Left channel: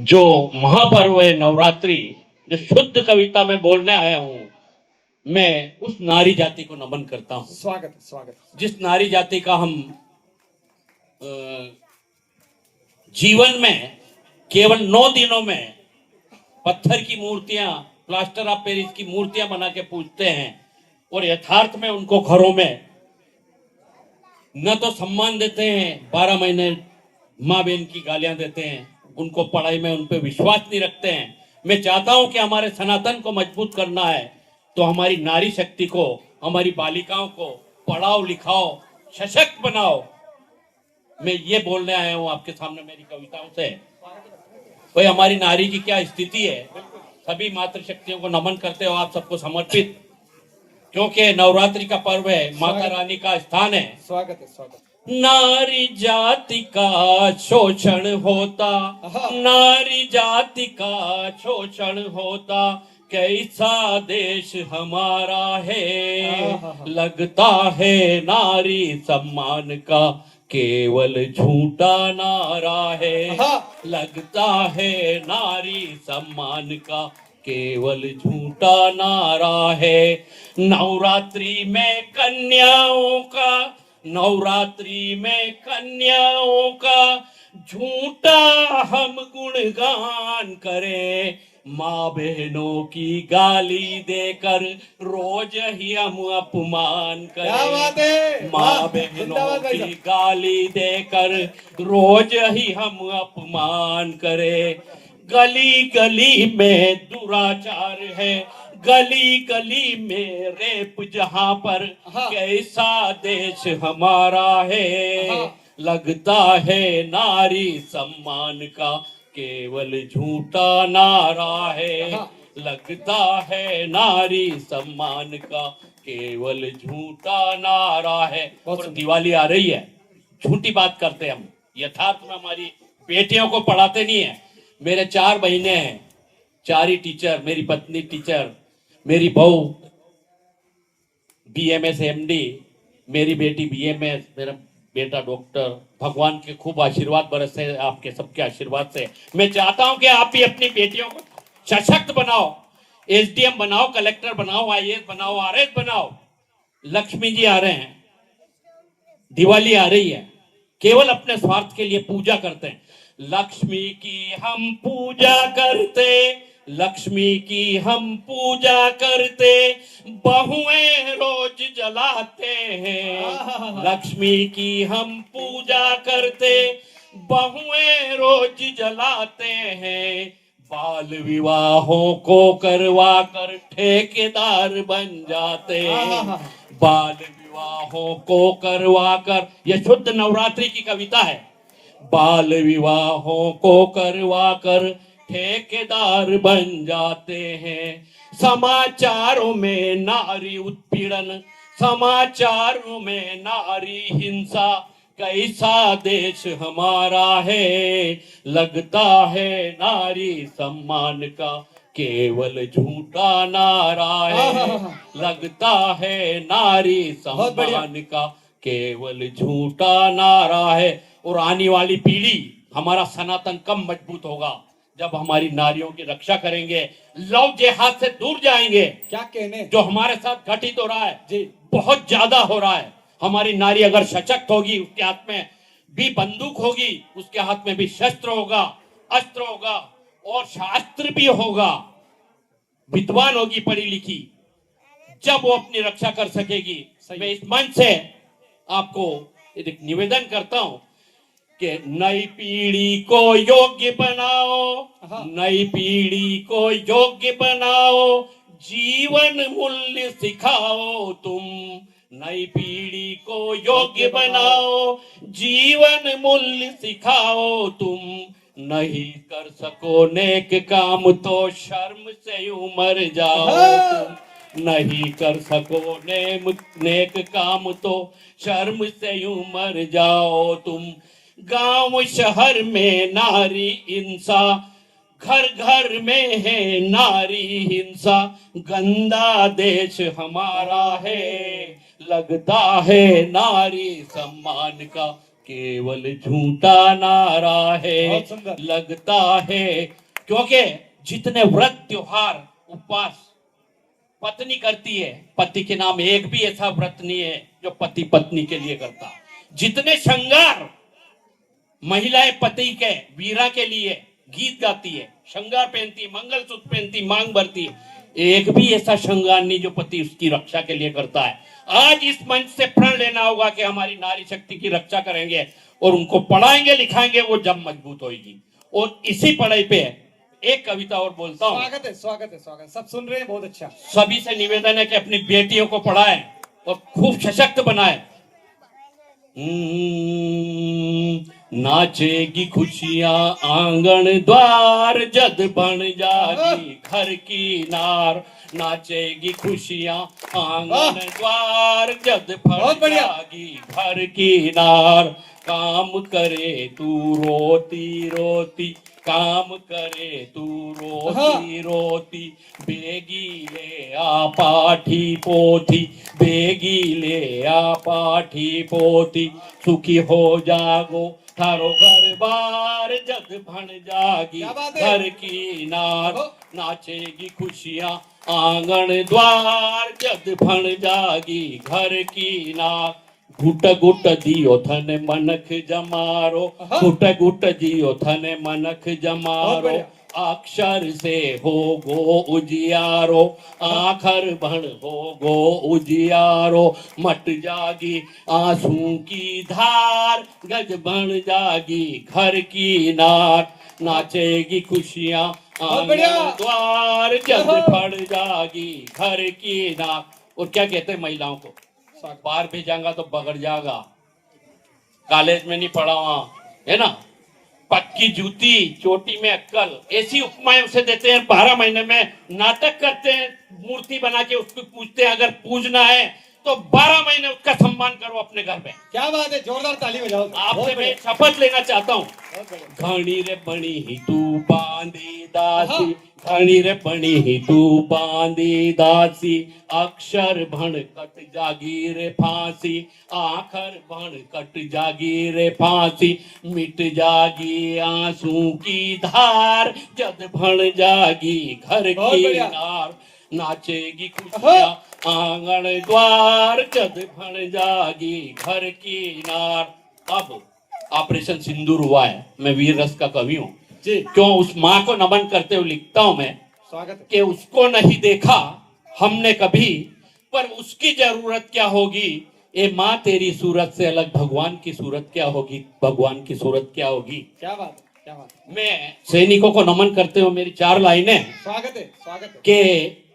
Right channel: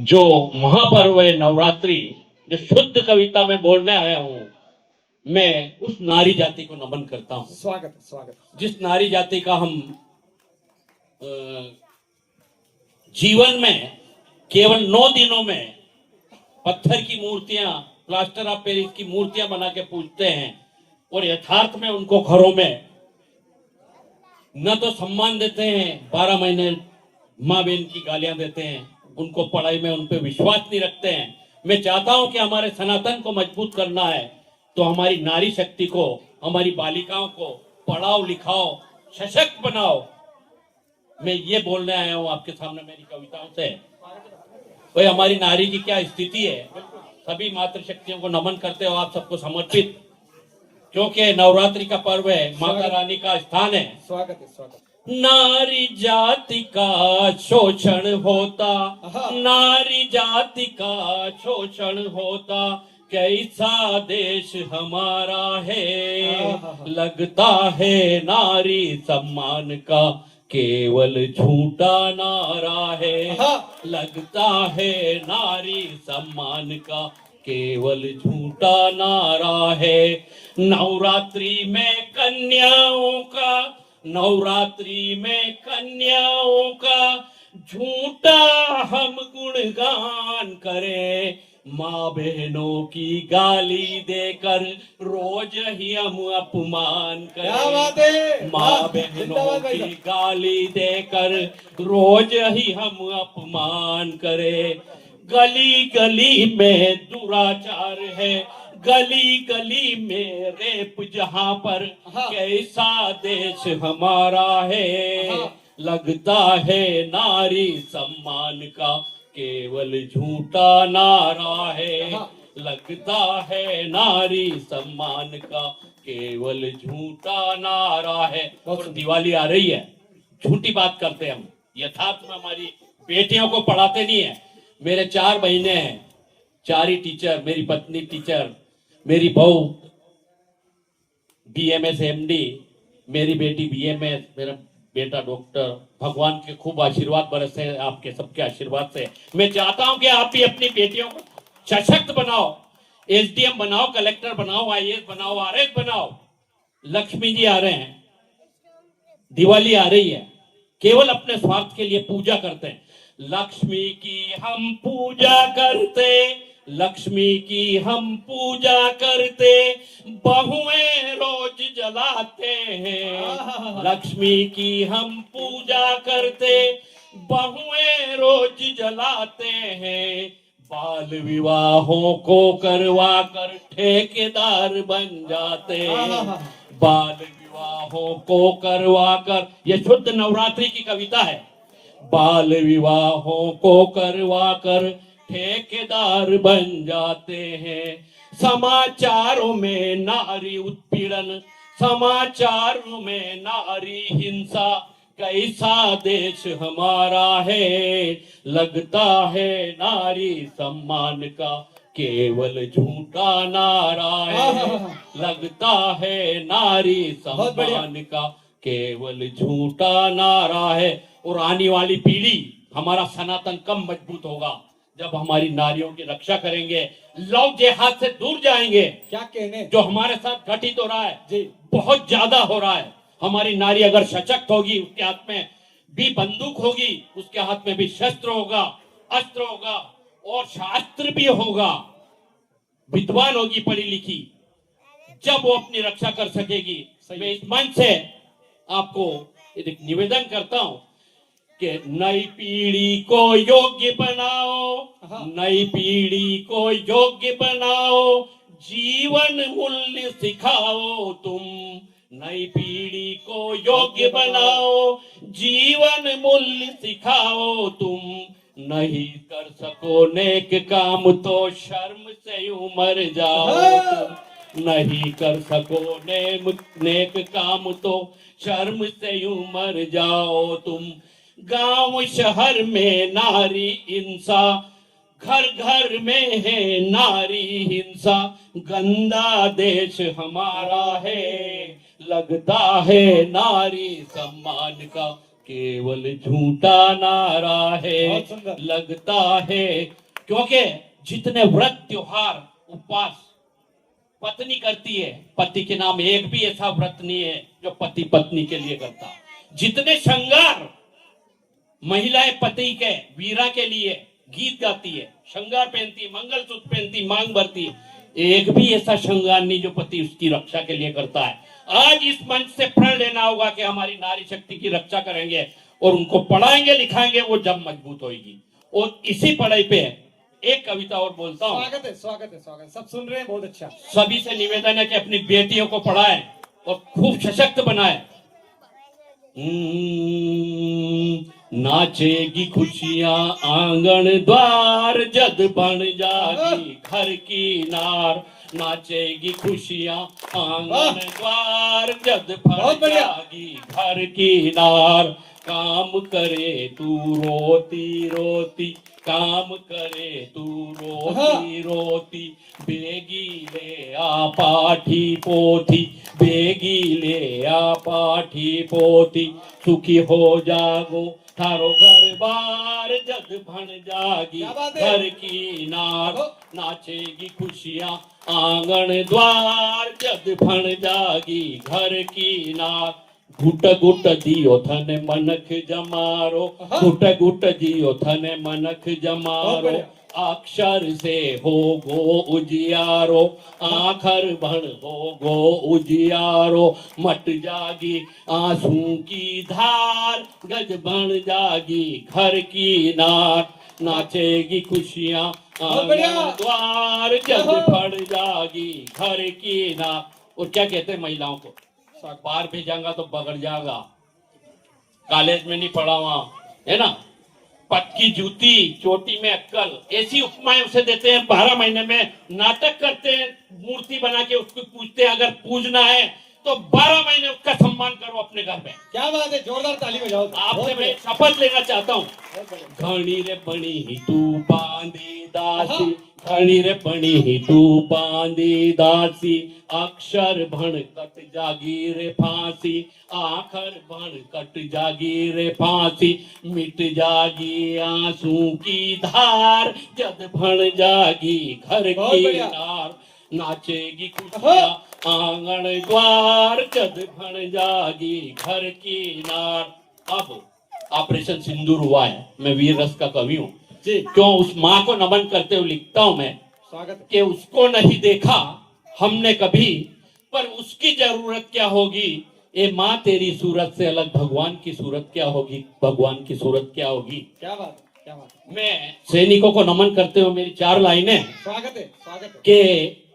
जो महापर्व है नवरात्रि, जो शुद्ध कविता में बोलने आया हूं, मैं उस नारी जाति को नमन करता हूं। स्वागत स्वागत। जिस नारी जाति का हम जीवन में केवल 9 दिनों में पत्थर की मूर्तियां, प्लास्टर ऑफ पेरिस की मूर्तियां बना के पूजते हैं और यथार्थ में उनको घरों में न तो सम्मान देते हैं, 12 महीने माँ बहन की गालियां देते हैं, उनको पढ़ाई में उन पर विश्वास नहीं रखते हैं। मैं चाहता हूं कि हमारे सनातन को मजबूत करना है तो हमारी नारी शक्ति को, हमारी बालिकाओं को पढ़ाओ लिखाओ, सशक्त बनाओ। मैं ये बोलने आया हूं आपके सामने मेरी कविताओं से। भाई हमारी नारी की क्या स्थिति है, सभी मातृशक्तियों को नमन करते हो आप सबको समर्पित, क्योंकि नवरात्रि का पर्व है, माता रानी का स्थान है। स्वागत है स्वागत। नारी जाति का शोषण होता, नारी जाति का शोषण होता, कैसा देश हमारा है। लगता है नारी सम्मान का केवल झूठा नारा है। लगता है नारी सम्मान का केवल झूठा नारा है। नवरात्रि में कन्याओं का, नवरात्रि में कन्याओं का झूठा हम गुणगान करें। माँ बहनों की गाली देकर रोज ही हम अपमान करें। माँ बहनों की गाली देकर रोज ही हम अपमान करें। गली गली में दुराचार है, गली गली में रेप जहां पर, कैसा देश हमारा है। लगता है नारी सम्मान का केवल झूठा नारा है। लगता है नारी सम्मान का केवल झूठा नारा है। और दिवाली आ रही है, झूठी बात करते हैं हम, यथार्थ में हमारी बेटियों को पढ़ाते नहीं है। मेरे 4 बहनें हैं, 4 ही टीचर, मेरी पत्नी टीचर, मेरी बहू BMS MD, मेरी बेटी BMS, मेरा बेटा डॉक्टर। भगवान के खूब आशीर्वाद बरसे आपके सबके आशीर्वाद से। मैं चाहता हूं कि आप भी अपनी बेटियों को सशक्त बनाओ, SDM बनाओ, कलेक्टर बनाओ, IAS बनाओ, RS बनाओ। लक्ष्मी जी आ रहे हैं, दिवाली आ रही है, केवल अपने स्वार्थ के लिए पूजा करते हैं। लक्ष्मी की हम पूजा करते, लक्ष्मी की हम पूजा करते, बहुएं रोज जलाते हैं। लक्ष्मी की हम पूजा करते, बहुएं रोज जलाते हैं। बाल विवाहों को करवा कर ठेकेदार बन जाते हैं। बाल विवाहों को करवा कर, यह शुद्ध नवरात्रि की कविता है। बाल विवाहों को करवा कर ठेकेदार बन जाते हैं। समाचारों में नारी उत्पीड़न, समाचारों में नारी हिंसा, कैसा देश हमारा है। लगता है नारी सम्मान का केवल झूठा नारा है। लगता है नारी सम्मान का केवल झूठा नारा है। और आने वाली पीढ़ी, हमारा सनातन कब मजबूत होगा, जब हमारी नारियों की रक्षा करेंगे। लव जिहाद से दूर जाएंगे। क्या कहने, जो हमारे साथ घटित हो रहा है जी, बहुत ज्यादा हो रहा है। हमारी नारी अगर सशक्त होगी, उसके हाथ में भी बंदूक होगी, उसके हाथ में भी शस्त्र होगा, अस्त्र होगा और शास्त्र भी होगा, विद्वान होगी, पढ़ी लिखी, जब वो अपनी रक्षा कर सकेगी। मैं इस मंच से आपको एक निवेदन करता हूं कि नई पीढ़ी को योग्य बनाओ, नई पीढ़ी को योग्य बनाओ, जीवन मूल्य सिखाओ तुम। नई पीढ़ी को योग्य बनाओ, जीवन मूल्य सिखाओ तुम। नहीं कर सको नेक काम तो शर्म से उमर जाओ तुम। नहीं कर सको नेक काम तो शर्म से उमर जाओ तुम। गांव शहर में नारी हिंसा, घर घर में है नारी हिंसा, गंदा देश हमारा है। लगता है नारी सम्मान का केवल झूठा नारा है, बहुत सुंदर। लगता है। क्योंकि जितने व्रत त्योहार उपवास पत्नी करती है, पति के नाम एक भी ऐसा व्रत नहीं है जो पति पत्नी के लिए करता। जितने श्रृंगार महिलाएं पति के वीरा के लिए गीत गाती है, श्रृंगार पहनती, मंगलसूत्र पहनती, मांग भरती है, एक भी ऐसा श्रृंगार नहीं जो पति उसकी रक्षा के लिए करता है। आज इस मंच से प्रण लेना होगा कि हमारी नारी शक्ति की रक्षा करेंगे और उनको पढ़ाएंगे लिखाएंगे, वो जब मजबूत होगी। और इसी पढ़ाई पे एक कविता और बोलता हूँ। स्वागत है, स्वागत है, स्वागत है। सब सुन रहे हैं, बहुत अच्छा। सभी से निवेदन है कि अपनी बेटियों को पढ़ाएं और खूब सशक्त बनाएं। नाचेगी खुशियां आंगन द्वार, जद बन जागी घर की नार। नाचेगी खुशियां आंगन द्वार, जद बन जागी घर की नार। काम करे तू रोती रोती, काम करे तू रोती रोती, बेगी ले आ पाठी पोथी, बेगी ले आ पाठी पोथी। सुखी हो जागो थारो घर बार, जग भण जागी घर की नार। नाचेगी खुशियां आंगन द्वार, जग भण जागी घर की नार। घुट घुट दियो थन मनख जमारो, घुट घुट दियो थन मनख जमारो। अक्षर से हो गो उजियारो, आखर भण हो गो उजियारो। मट जागी आंसू की धार, गज बन जागी घर की नार। नाचेगी खुशियां आंगन द्वार, जग फड़ जागी घर की नार। और क्या कहते हैं महिलाओं को, बाहर भेजाऊंगा तो बगड़ जाएगा, कॉलेज में नहीं पढ़ा वहां, है ना, पक्की जूती चोटी में अक्कल, ऐसी उपमाएं उसे देते हैं। 12 महीने में नाटक करते हैं, मूर्ति बना के उसको पूजते हैं। अगर पूजना है तो 12 महीने उसका सम्मान करो अपने घर में। क्या बात है, जोरदार ताली बजाओ। आपसे मैं शपथ लेना चाहता हूँ। घड़ी रे बनी ही तू बांधी दासी, घड़ी रे बनी ही तू बांधी दासी। अक्षर भण कट जागी रे फांसी, आखर भण कट जागी रे फांसी। मिट जागी आंसू की धार, जद भण जागी घर की नार। नाचेगी खुशियां आंगन द्वार, जद भण जागी घर की नार। अब ऑपरेशन सिंदूर हुआ है, मैं वीर रस का कवि हूँ जी। क्यों उस माँ को नमन करते हुए लिखता हूं मैं, स्वागत कि उसको नहीं देखा हमने कभी, पर उसकी जरूरत क्या होगी। ए माँ तेरी सूरत से अलग भगवान की सूरत क्या होगी, भगवान की सूरत क्या होगी। क्या बात, क्या बात। मैं सैनिकों को नमन करते हुए मेरी 4 लाइनें, स्वागत है, स्वागत है, के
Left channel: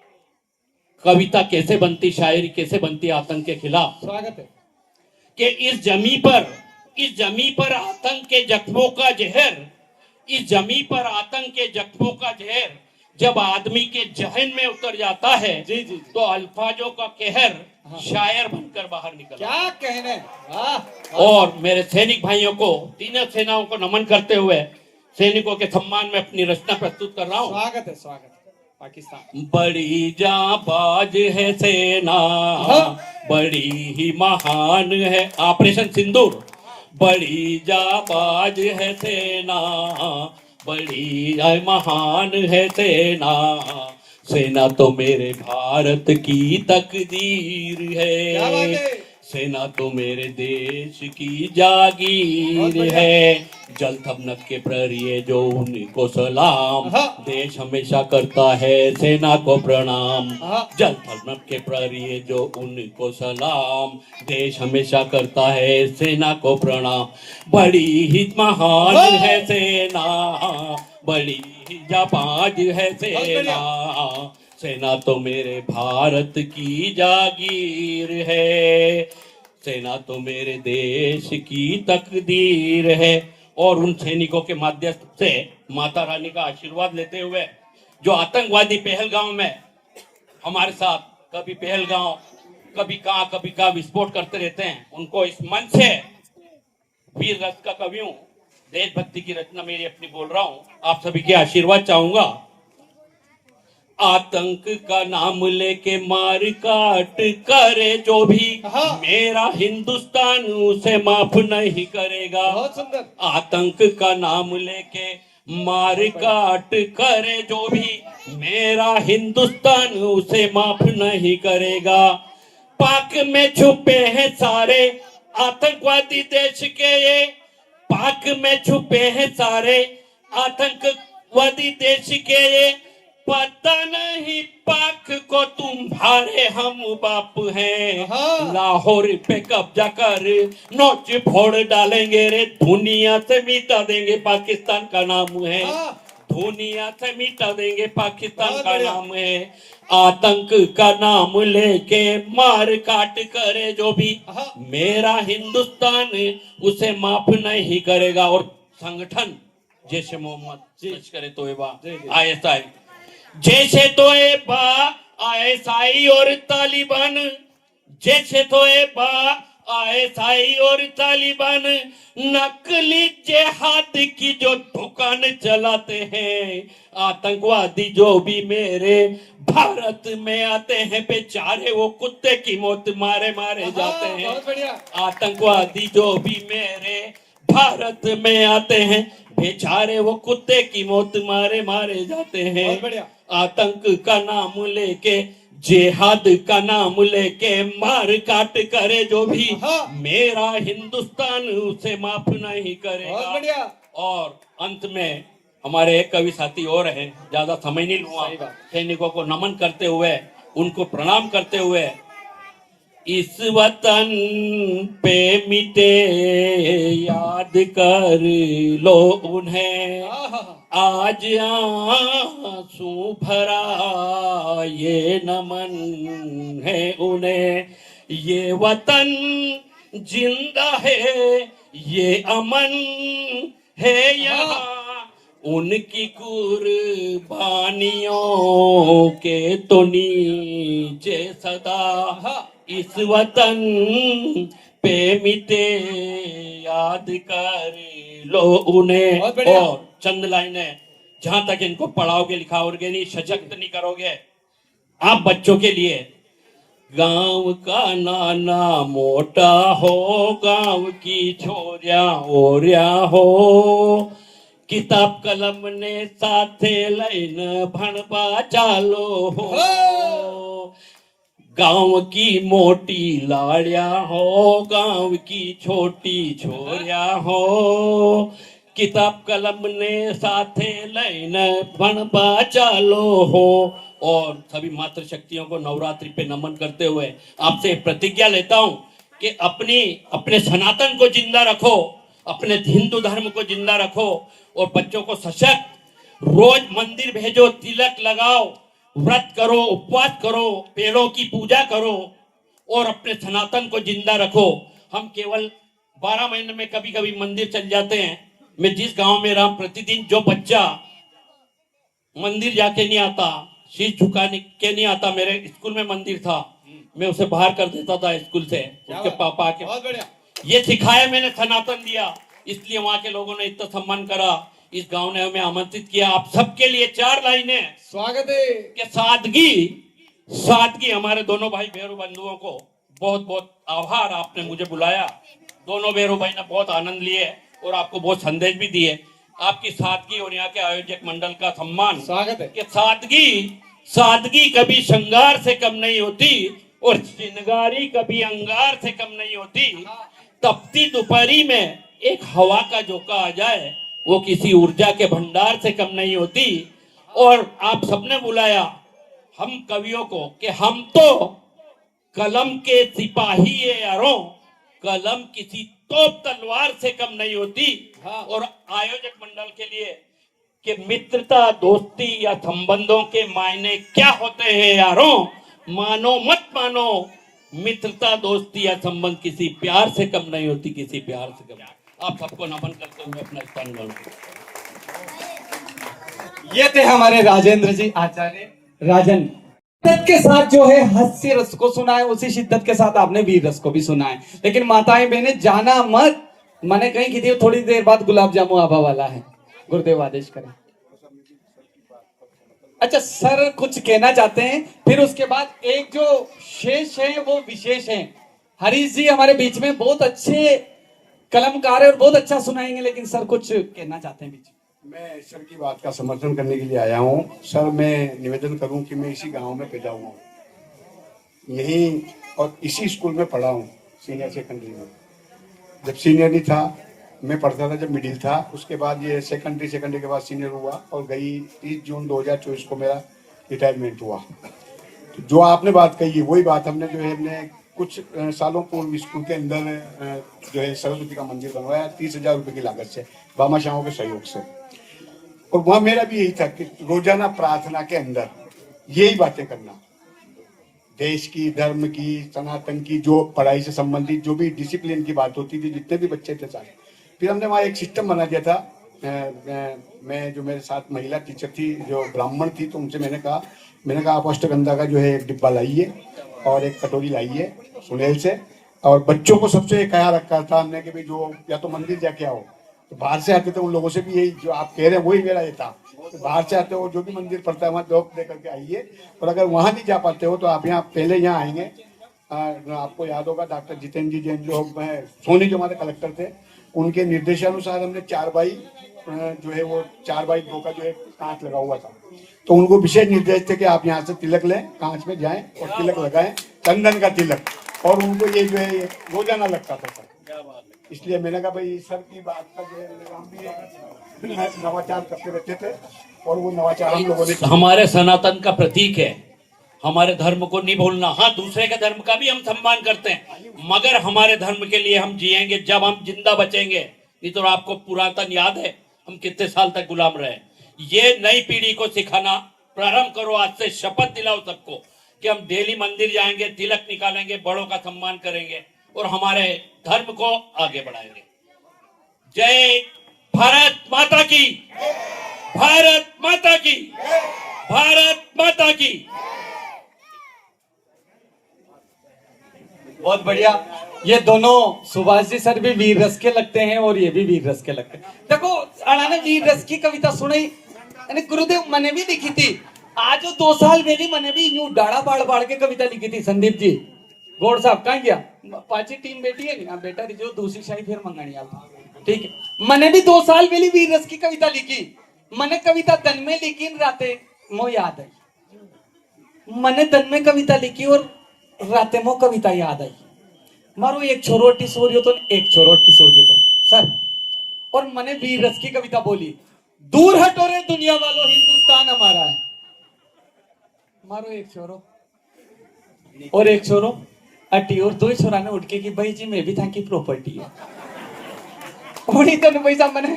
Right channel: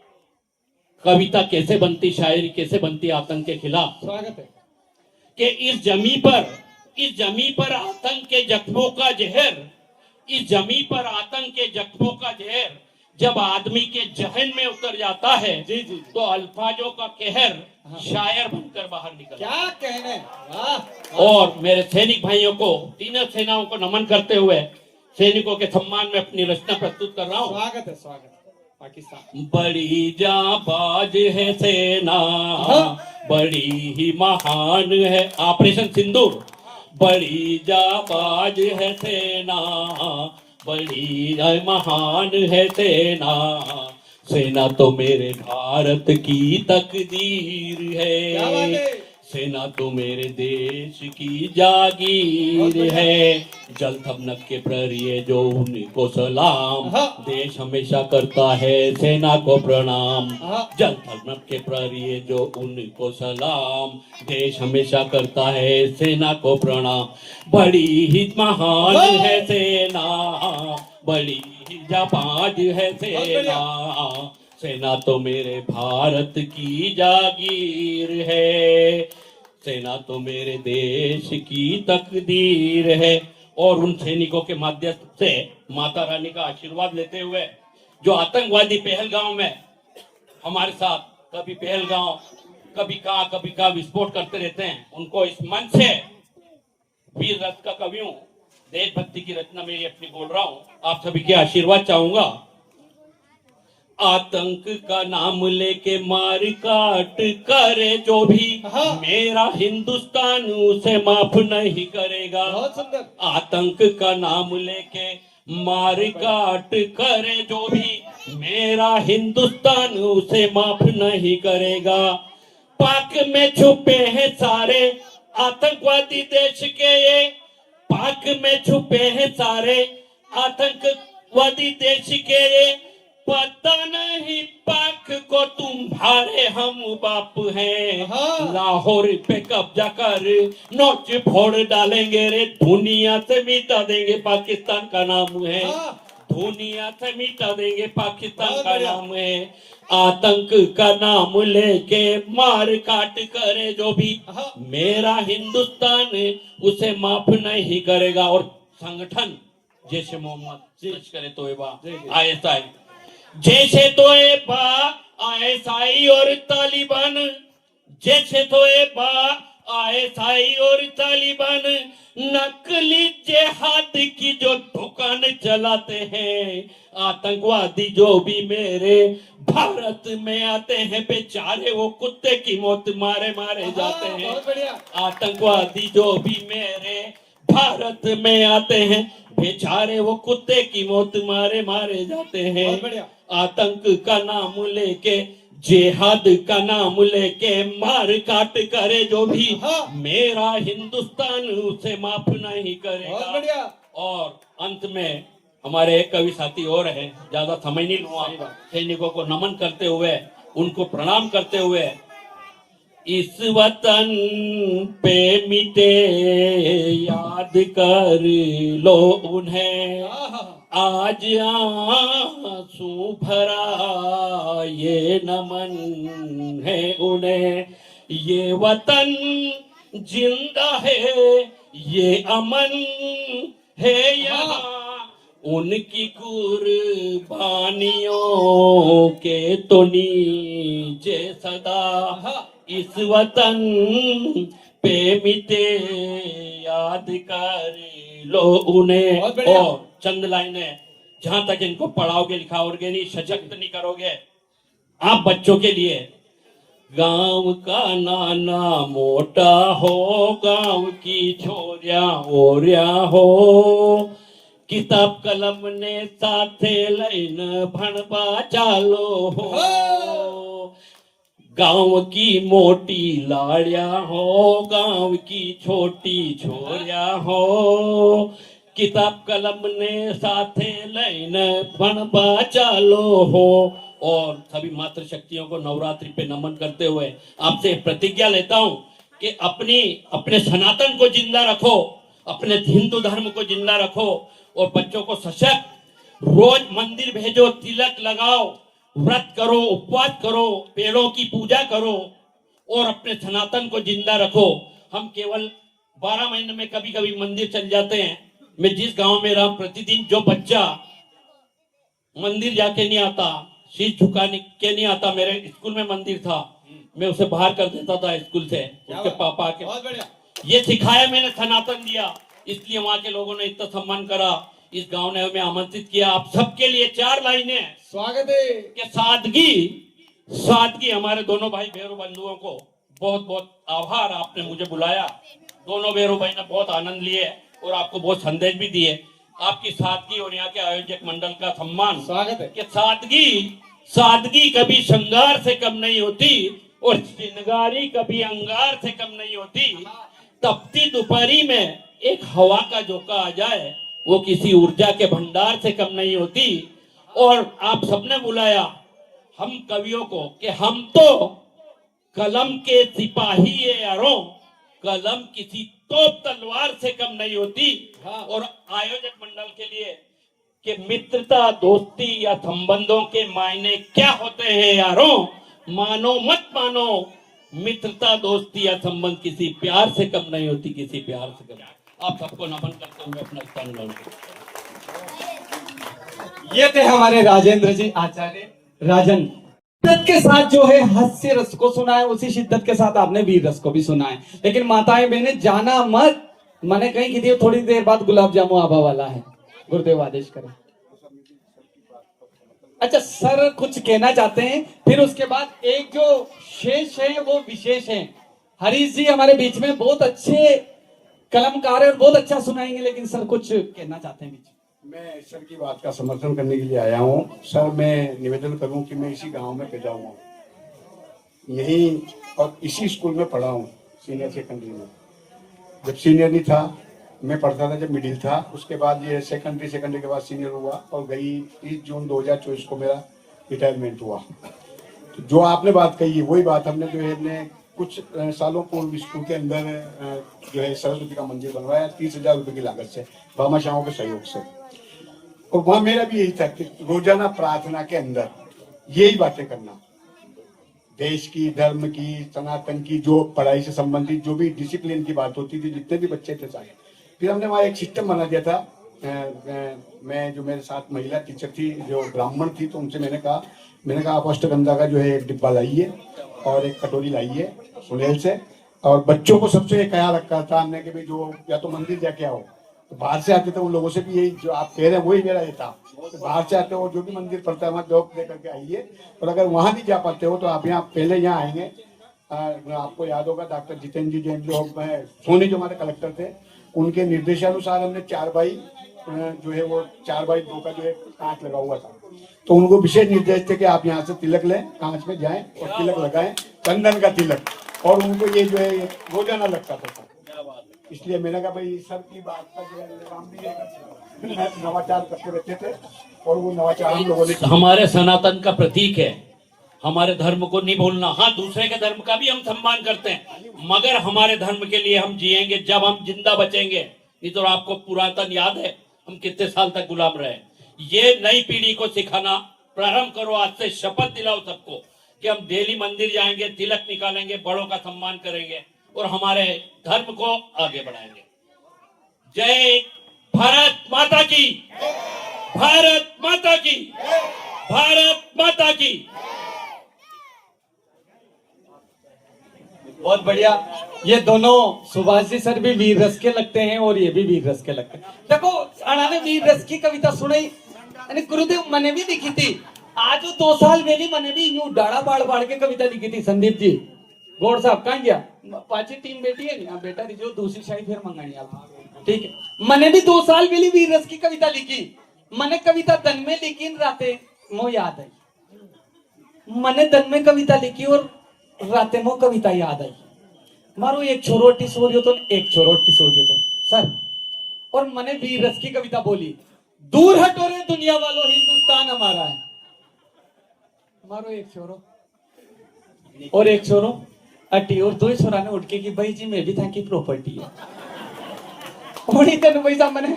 कविता कैसे बनती, शायरी कैसे बनती आतंक के खिलाफ। स्वागत है कि इस जमी पर आतंक के जख्मों का जहर, इस जमी पर आतंक के जख्मों का जहर जब आदमी के जहन में उतर जाता है जी जी, तो अल्फाजों का कहर शायर बनकर बाहर निकल। क्या कहने। और मेरे सैनिक भाइयों को, तीनों सेनाओं को नमन करते हुए सैनिकों के सम्मान में अपनी रचना प्रस्तुत कर रहा हूँ। स्वागत है, स्वागत है। पाकिस्तान बड़ी जाबाज है सेना, बड़ी ही महान है। ऑपरेशन सिंदूर। बड़ी जाबाज है सेना, बड़ी महान है सेना। सेना तो मेरे भारत की तकदीर है, सेना तो मेरे देश की जागीर है। जल थपनक के प्रहरी जो उनको सलाम, देश हमेशा करता है सेना को प्रणाम। जल थपनक के प्रहरी जो उनको सलाम, देश हमेशा करता है सेना को प्रणाम। बड़ी ही महान है सेना, बड़ी ही जाबाज है सेना। सेना तो मेरे भारत की जागीर है, सेना तो मेरे देश की तकदीर है। और उन सैनिकों के माध्यम से माता रानी का आशीर्वाद लेते हुए जो आतंकवादी पहलगांव में हमारे साथ कभी पहलगांव कभी कहाँ विस्फोट करते रहते हैं, उनको इस मंच से वीर रस का कवि हूँ, देशभक्ति की रचना मेरी अपनी बोल रहा हूँ, आप सभी के आशीर्वाद चाहूंगा। आतंक का नाम लेके मार काट करे जो भी हाँ। मेरा हिंदुस्तान उसे माफ नहीं करेगा। बहुत सुंदर। आतंक का नाम लेके मार काट करे जो भी मेरा हिंदुस्तान उसे माफ नहीं करेगा। पाक में छुपे हैं सारे आतंकवादी देश के ये, पाक में छुपे हैं सारे आतंकवादी देश के ये, पता नहीं पाक को तुम्हारे हम बाप हैं। हाँ। लाहौर पे कब्जा कर नोच फोड़ डालेंगे रे, दुनिया से मिटा देंगे पाकिस्तान का नाम है। हाँ। दुनिया से मिटा देंगे पाकिस्तान बहुत का बढ़िया। नाम है। आतंक का नाम लेके मार काट करे जो भी हाँ। मेरा हिंदुस्तान उसे माफ नहीं करेगा। और संगठन जैसे मोहम्मद लश्कर तोयबा ISI, जैसे तोयबा ISI और तालिबान, जैसे तोयबा ISI और तालिबान नकली जिहाद की जो दुकान चलाते हैं, आतंकवादी जो भी मेरे भारत में आते हैं बेचारे वो कुत्ते की मौत मारे मारे जाते हैं। बहुत बढ़िया। आतंकवादी जो भी मेरे भारत में आते हैं बेचारे वो कुत्ते की मौत मारे मारे जाते हैं। बहुत बढ़िया। आतंक का नाम लेके जिहाद का नाम लेके मार काट करे जो भी हाँ। मेरा हिंदुस्तान उसे माफ नहीं बहुत करेगा। बढ़िया। और अंत में हमारे एक कवि साथी और हैं, ज्यादा समय नहीं लूंगा। सही बात। सैनिकों को नमन करते हुए उनको प्रणाम करते हुए, इस वतन पे मिटे याद कर लो उन्हें, आज आंसू भरा ये नमन है उन्हें। ये वतन जिंदा है ये अमन है यहाँ, उनकी कुर्बानियों के तो नीचे सदा इस वतन पे मिटे याद कर लो उन्हें। बहुत बढ़िया। और चंद लाइनें, जहां तक इनको पढ़ाओगे लिखाओगे नहीं, सशक्त नहीं करोगे आप बच्चों के लिए, गांव का नाना मोटा हो, गांव की छोरिया ओरिया हो, किताब कलम ने साथे लइन भणबा चालो हो, गांव की मोटी लाड़िया हो, गांव की छोटी छोरिया हो, किताब कलम ने साथे लइन भणबा चालो हो। और सभी मातृशक्तियों को नवरात्रि पे नमन करते हुए आपसे प्रतिज्ञा लेता हूं कि अपने सनातन को जिंदा रखो, अपने हिंदू धर्म को जिंदा रखो और बच्चों को सशक्त, रोज मंदिर भेजो, तिलक लगाओ, व्रत करो, उपवास करो, पेड़ों की पूजा करो और अपने सनातन को जिंदा रखो। हम केवल 12 महीने में कभी कभी मंदिर चल जाते हैं। मैं जिस गांव में रहा, प्रतिदिन जो बच्चा मंदिर जाके नहीं आता, शीश झुकाने के नहीं आता, मेरे स्कूल में मंदिर था, मैं उसे बाहर कर देता था स्कूल से, उसके पापा के। बहुत बढ़िया। ये सिखाया मैंने, सनातन दिया, इसलिए वहां के लोगों ने इतना सम्मान करा। इस गांव ने हमें आमंत्रित किया। आप सबके लिए 4 लाइनें स्वागत है। कि सादगी हमारे दोनों भाई भैरू बंधुओं को बहुत बहुत आभार, आपने मुझे बुलाया। दोनों भैरू भाई ने बहुत आनंद लिए और आपको बहुत संदेश भी दिए। आपकी सादगी और यहाँ के आयोजक मंडल का सम्मान, स्वागत है। कि सादगी कभी श्रृंगार से कम नहीं होती और श्रृंगारी कभी अंगार से कम नहीं होती। तपती दोपहरी में एक हवा का झोंका आ जाए वो किसी ऊर्जा के भंडार से कम नहीं होती। और आप सबने बुलाया हम कवियों को कि हम तो कलम के सिपाही है यारों, कलम किसी तोप तलवार से कम नहीं होती। और आयोजक मंडल के लिए कि मित्रता, दोस्ती या संबंधों के मायने क्या होते हैं यारों, मानो मत मानो, मित्रता, दोस्ती या संबंध किसी प्यार से कम नहीं होती, किसी प्यार से कम। आप सबको नमन करते हुए अपना स्थान ग्रहण करें। ये थे हमारे राजेंद्र जी आचार्य राजन। शिद्दत के साथ जो है हास्य रस को सुना है, उसी शिद्दत के साथ आपने वीर रस को भी सुना है। लेकिन माताएं बहनें जाना मत, मैंने कहीं की थी, थोड़ी देर बाद गुलाब जामुन आभा वाला है। गुरुदेव आदेश करें। अच्छा सर कुछ कहना चाहते हैं, फिर उसके बाद एक जो शेष है वो विशेष है। हरीश जी हमारे बीच में बहुत अच्छे कलमकार है और बहुत अच्छा सुनाएंगे, लेकिन सर कुछ कहना चाहते हैं बीच में। मैं सर की बात का समर्थन करने के लिए आया हूँ। सर मैं निवेदन करूँ कि मैं इसी गांव में पैदा हुआ हूँ, यहीं और इसी स्कूल में पढ़ा हूँ, सीनियर सेकेंडरी में। जब सीनियर नहीं था मैं पढ़ता था, जब मिडिल था, उसके बाद ये सेकेंडरी के बाद सीनियर हुआ और गई 30 जून 2024 को मेरा रिटायरमेंट हुआ। तो जो आपने बात कही है वही बात हमने जो है ने कुछ सालों पूर्व स्कूल के अंदर जो है सरस्वती का मंदिर बनवाया 30,000 रुपए की लागत से, भामाशाहों के सहयोग से। और वहां मेरा भी यही था कि रोजाना प्रार्थना के अंदर यही बातें करना, देश की, धर्म की, सनातन की, जो पढ़ाई से संबंधित जो भी डिसिप्लिन की बात होती थी, जितने भी बच्चे थे सारे। फिर हमने वहाँ एक सिस्टम बना दिया था। मैं जो मेरे साथ महिला टीचर थी जो ब्राह्मण थी, तो उनसे मैंने कहा आप अष्टगंधा का जो है एक डिब्बा लाइए और एक कटोरी लाइए सुनेल से, और बच्चों को सबसे कहा रखा था हमने कि भाई जो या तो मंदिर जाके आओ, तो बाहर से आते थे उन लोगों से भी यही जो आप कह रहे हैं वही मेरा ये था। तो बाहर से आते हो जो भी मंदिर पड़ता है वहाँ जॉब दे करके आइए, और अगर वहाँ नहीं जा पाते हो तो आप यहाँ पहले यहाँ आएंगे। आपको याद होगा डॉक्टर जितेंद्र जी जैन जो सोनी जो हमारे कलेक्टर थे, उनके निर्देशानुसार हमने 4x जो है वो 4x2 का जो है कांच लगा हुआ था। तो उनको विशेष निर्देश थे कि आप यहाँ से तिलक लें, कांच में जाएं और तिलक लगाएं, चंदन का तिलक, और उनको ये जो है रोजाना लगता था सर। इसलिए मैंने कहा भाई सर की बात का जो है हम भी नवाचार करते रहते थे, और वो नवाचार हम लोगों ने हमारे सनातन का प्रतीक है। हमारे धर्म को नहीं भूलना। हाँ, दूसरे के धर्म का भी हम सम्मान करते हैं, मगर हमारे धर्म के लिए हम जिएंगे जब हम जिंदा बचेंगे। नहीं तो आपको पुरातन याद है हम कितने साल तक गुलाम रहे। ये नई पीढ़ी को सिखाना प्रारंभ करो, आज से शपथ दिलाओ सबको कि हम डेली मंदिर जाएंगे, तिलक निकालेंगे, बड़ों का सम्मान करेंगे और हमारे धर्म को आगे बढ़ाएंगे। जय भारत माता की, भारत माता की, भारत माता की। बहुत बढ़िया। ये दोनों सुभाष जी सर भी वीर रस के लगते हैं और ये भी वीर रस के लगते हैं। देखो अड़ा ने वीर रस की कविता सुनाई, गुरुदेव मैंने भी लिखी थी। आज 2 साल पहले मैंने भी यूं डाड़ा बाड़ बाड़ के कविता लिखी थी। संदीप जी गौड़ साहब कहाँ गया? पांची टीम बैठी है ना बेटा, जो दूसरी शाही फिर मंगानी आप। ठीक है, मैंने भी 2 साल पहले वीर रस की कविता लिखी। मैंने कविता तन में लिखी, राते मो याद आई। मैंने तन में कविता लिखी और राते मो कविता याद आई। मारो एक छोरोटी सोरियो तो एक छोरोटी सोरियो तो सर, और मैंने वीर रस की कविता बोली। दूर हटो रे दुनिया वालों, हिंदुस्तान हमारा है। मारो एक छोरो और एक छोरो अटी, और 2 छोरा ने उठ के कि भाई जी मैं भी था की प्रॉपर्टी है। उन्हीं तो पैसा मैंने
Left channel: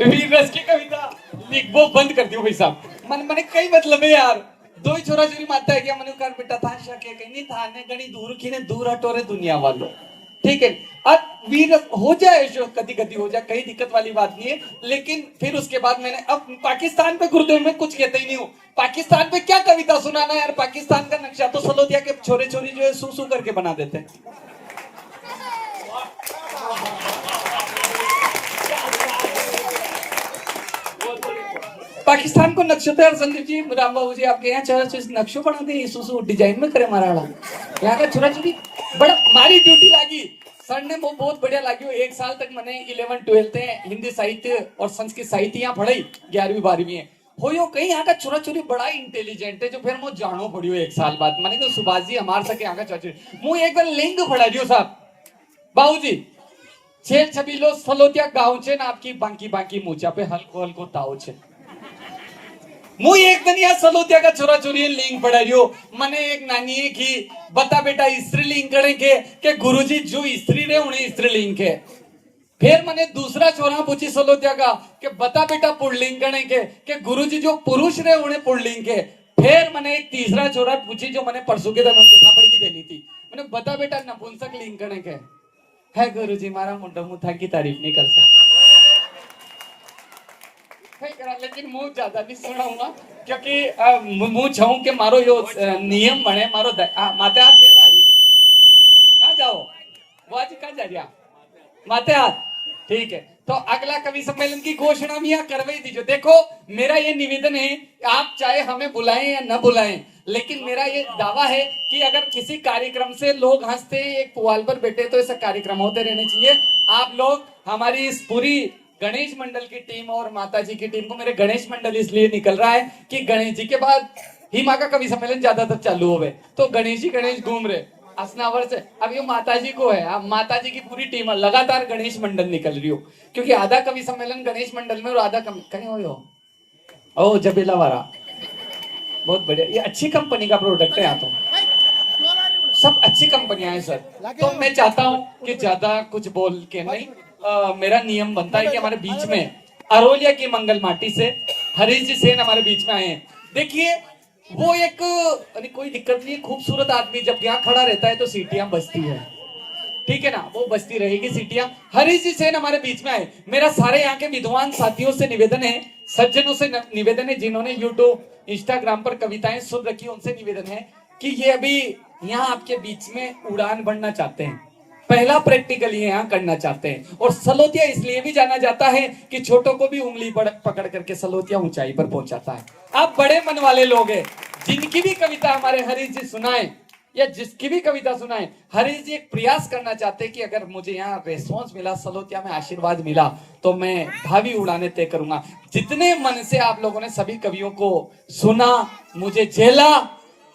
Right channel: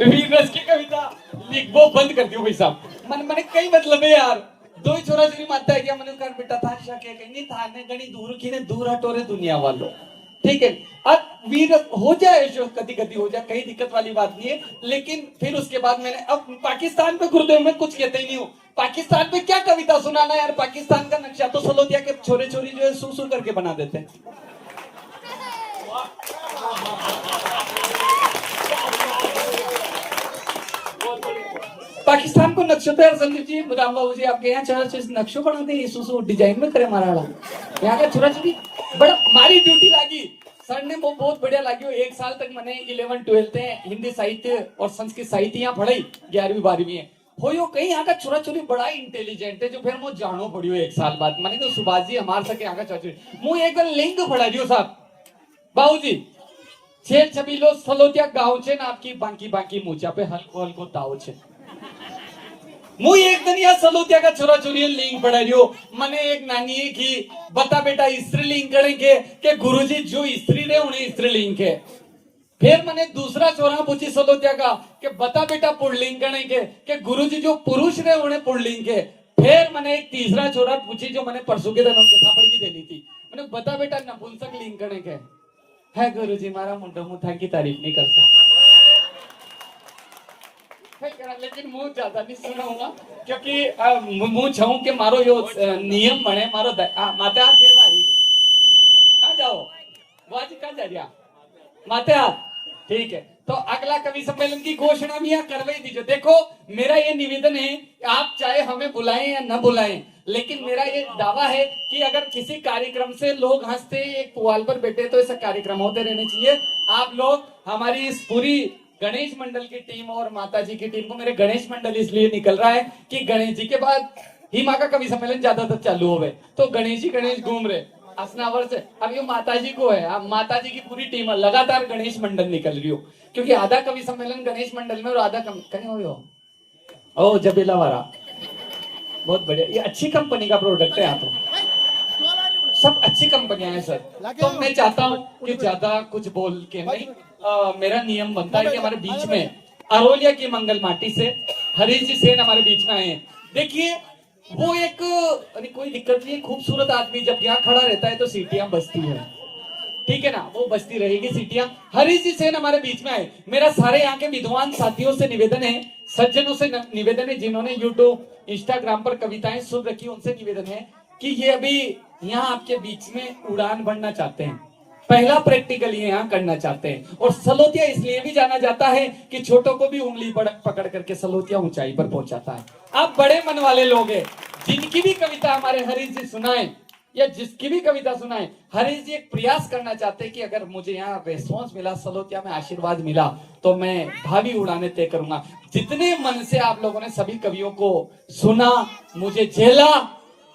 वीर रस की कविता लिखबो बंद कर दियो भाई साहब। मैंने कई मतलब है यार, 2 छोरा चोरी मारता है क्या? मैंने कर बेटा था शके कहीं नहीं था ने गणी दूर की ने दूर हटो रे दुनिया वालों। ठीक है, अब वीर हो जाए जो कभी कभी हो जाए, कहीं दिक्कत वाली बात नहीं है। लेकिन फिर उसके बाद मैंने अब पाकिस्तान पे गुरुदेव में कुछ कहते ही नहीं हूँ। पाकिस्तान पे क्या कविता सुनाना यार, पाकिस्तान का नक्शा तो सलोतिया के छोरे छोरी जो है सू सू करके बना देते हैं। पाकिस्तान को नक्शो तो यार संदीप जी, राम बाबू जी आपके यहाँ चार नक्शो बनाते हैं, सुसु डिजाइन में करे मारा यहाँ का छोरा छोरी बड़ा मारी ड्यूटी लगी। सर ने वो बहुत बढ़िया लगी। 1 साल तक मैंने 11-12 हिंदी साहित्य और संस्कृत साहित्य यहाँ पढ़ाई, 11वीं 12वीं है हो यो कहीं यहाँ का छोरा छोरी बड़ा इंटेलिजेंट है, जो फिर मुझे जानो पड़ियो 1 साल बाद। मैंने कहा सुभाष जी हमारे सके यहाँ का छोरा छोरी मुझे एक बार लिंग पढ़ा दियो साहब। बाबू जी 6 सलोतिया गाँव छे ना आपकी बांकी बांकी मूचा पे हल्को हल्को ताव छे। मुझे एक दिन यहाँ सलोतिया का छोरा छोरी लिंग पढ़ा रियो। मैंने एक नानी की बता बेटा स्त्रीलिंग करेंगे के गुरुजी जो स्त्री रहे उन्हें स्त्रीलिंग के। फिर मैंने दूसरा छोरा पूछी सलोतिया का कि बता बेटा पुल्लिंग करेंगे के गुरुजी जो पुरुष रहे उन्हें पुल्लिंग के। फिर मैंने एक तीसरा छोरा पूछी जो मैंने परसों के दिन उनके थापड़ की देनी थी। मैंने बता बेटा नपुंसक लिंग करेंगे है गुरुजी मारा मुंडो मुंह था की तारीफ नहीं कर सकता। लेकिन मुंह ज्यादा नहीं सुनाऊंगा क्योंकि मुंह छाऊं के मारो यो नियम बने मारो माते हाथ फेर मारी कहाँ जाओ वो आज कहाँ जा रहा माते हाथ। ठीक है, तो अगला कवि सम्मेलन की घोषणा भी यहाँ करवा ही दीजिए। देखो मेरा ये निवेदन है, आप चाहे हमें बुलाएं या न बुलाएं, लेकिन मेरा ये दावा है कि अगर किसी कार्यक्रम से लोग हंसते एक पुआल पर बैठे तो ऐसा कार्यक्रम होते रहने चाहिए। आप लोग हमारी इस पूरी गणेश मंडल की टीम और माता जी की टीम को, मेरे गणेश मंडल इसलिए निकल रहा है कि गणेश जी के बाद ही माँ का कवि सम्मेलन ज्यादातर चालू हो गए, तो गणेश ही गणेश घूम रहे असनावर से। अब ये माता जी को है, अब माता जी की पूरी टीम है, लगातार गणेश मंडल निकल रही हो, क्योंकि आधा कवि सम्मेलन गणेश मंडल में और आधा कहीं हो ओ जबेला वाला। बहुत बढ़िया, ये अच्छी कंपनी का प्रोडक्ट है। यहाँ तो सब अच्छी कंपनियां हैं सर। तो मैं चाहता हूँ कि ज्यादा कुछ बोल के नहीं, मेरा नियम बनता है कि हमारे बीच में अरोलिया की मंगल माटी से हरीश जी सेन हमारे बीच में आए हैं। देखिए वो एक कोई दिक्कत नहीं, खूबसूरत आदमी जब यहाँ खड़ा रहता है तो सीटियां बजती है, ठीक है ना, वो बजती रहेगी सीटियां। हरीश जी सेन हमारे बीच में आए। मेरा सारे यहाँ के विद्वान साथियों से निवेदन है, सज्जनों से निवेदन है, जिन्होंने यूट्यूब इंस्टाग्राम पर कविताएं सुन रखी, उनसे निवेदन है कि ये अभी यहाँ आपके बीच में उड़ान भरना चाहते हैं, पहला प्रैक्टिकल ये यहाँ करना चाहते हैं। और सलोतिया इसलिए भी जाना जाता है कि छोटों को भी उंगली पकड़ करके सलोतिया ऊंचाई पर पहुंचाता है। आप बड़े मन वाले लोग हैं, जिनकी भी कविता हमारे हरीश जी सुनाए या जिसकी भी कविता सुनाए, हरीश जी एक प्रयास करना चाहते हैं कि अगर मुझे यहाँ रेस्पॉन्स मिला, सलोतिया में आशीर्वाद मिला, तो मैं भावी उड़ाने तय करूंगा। जितने मन से आप लोगों ने सभी कवियों को सुना, मुझे झेला,